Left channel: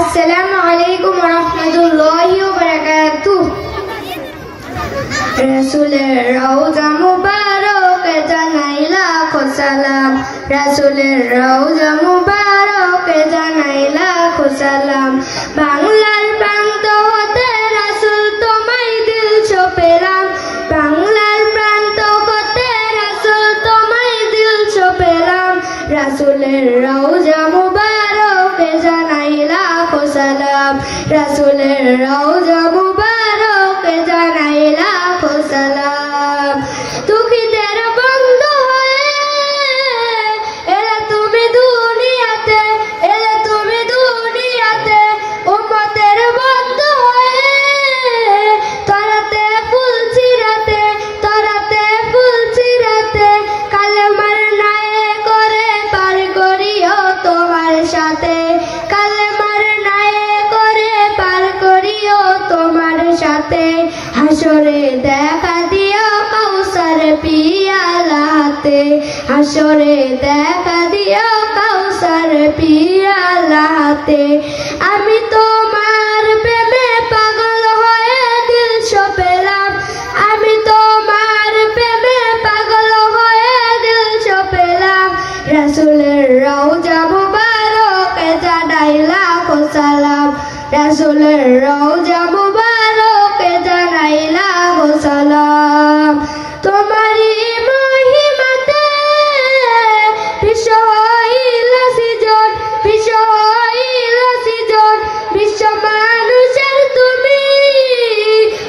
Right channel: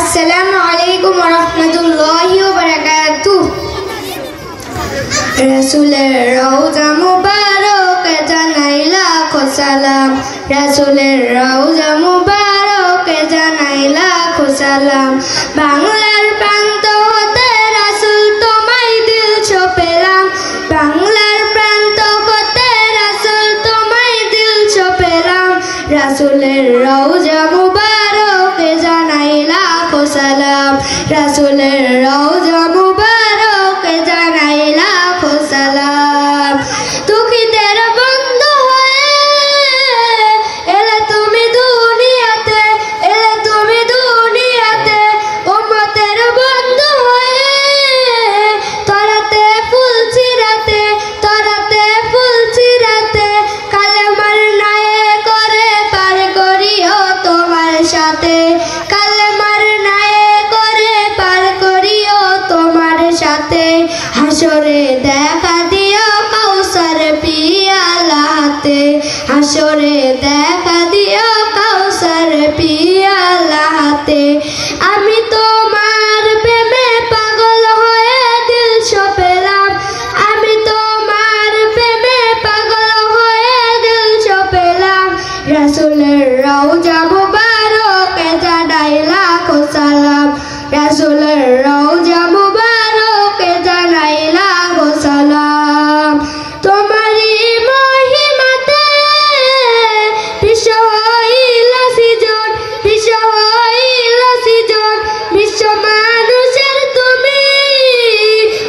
আসসালামু আলাইকুম ওয়া রাহমাতুল্লাহি ওয়া বারাকাতুহু। রাসূলের রওজা মুবারকে জানাই লাখো সালাম, রাসূলের রওজা মুবারকে জানাই লাখো সালাম। বাংলার প্রান্ত হতে রাসূল তোমায় দিল ছপেলাম, বাংলার প্রান্ত হতে রাসূল তোমায় দিল ছপেলাম। রাসূলের রওজা মুবারকে জানাই লাখো সালাম, রাসূলের রওজা মুবারকে জানাই লাখো সালাম। দুঃখীদের বন্ধু হয়ে এলে তুমি দুনিয়াতে, এলে তুমি দুনিয়াতে, উম্মতের বন্ধু হয়ে তরাতে ফুল চিরাতে, তরাতে ফুল চিরাতে, কালেমার নায়ে করে পার করিও তোমার সাথে, কালেমার নায়ে করে পার করিও তোমার সাথে। হাসরে দেখা দিও কাউসার পিয়ালা হাতে, হাসরে দেখা দিও কাউসার পিয়ালা হাতে। আমি তোমার প্রেমে পাগল হয়ে দিল ছপেলাম, আমি তোমার প্রেমে পাগল হয়ে দিল ছপেলাম। রাসূলের রওজা মুবারকে জানাই লাখো সালাম, রাসূলের রওজা মুবারকে জানাই লাখো সালাম। তোমারই মহিমাতে বিশ্ব হইল সৃজন, বিশ্ব হইল সৃজন, বিশ্ব মানুষের তুমি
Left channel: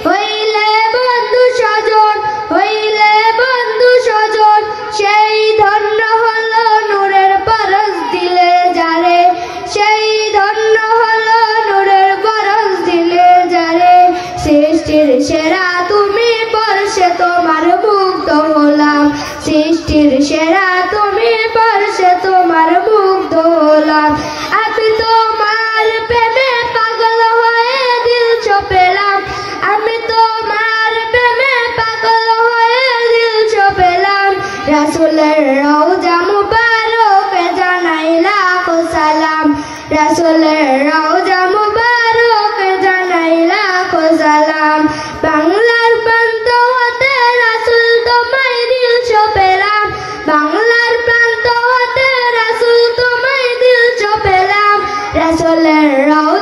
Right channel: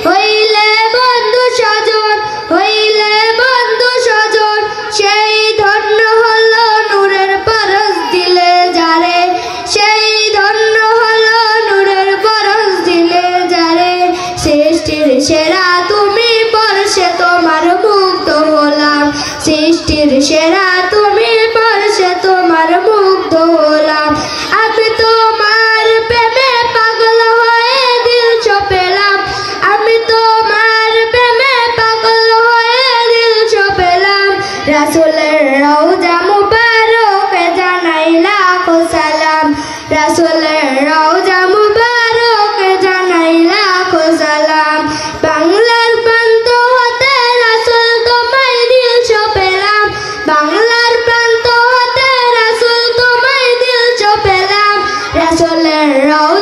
হইলে বন্ধু স্বজন, হইলে বন্ধু স্বজন। সেই ধন্য হলো নূরের পরশ দিলে যারে, সেই ধন্য হলো নূরের পরশ দিলে যারে। সৃষ্টির সেরা তুমি পরশে তোমার মুগ্ধ হলাম, সৃষ্টির সেরা তুমি পরশে তোমার মুগ্ধ হলাম। আমি তোমার প্রেমে পাগল হয়ে দিল ছপেলাম, আমি তোমার প্রেমে পাগল হয়ে দিল ছপেলাম। রাসূলের রওজা মুবারকে জানাই লাখো সালাম, রাসূলের রওজা মুবারকে জানাই লাখো সালাম। বাংলার প্রান্ত হতে রাসূল তোমায় দিল ছপেলাম, বাংলার প্রান্ত হতে রাসূল তোমায় দিল ছপেলাম। রাসূলের রওজা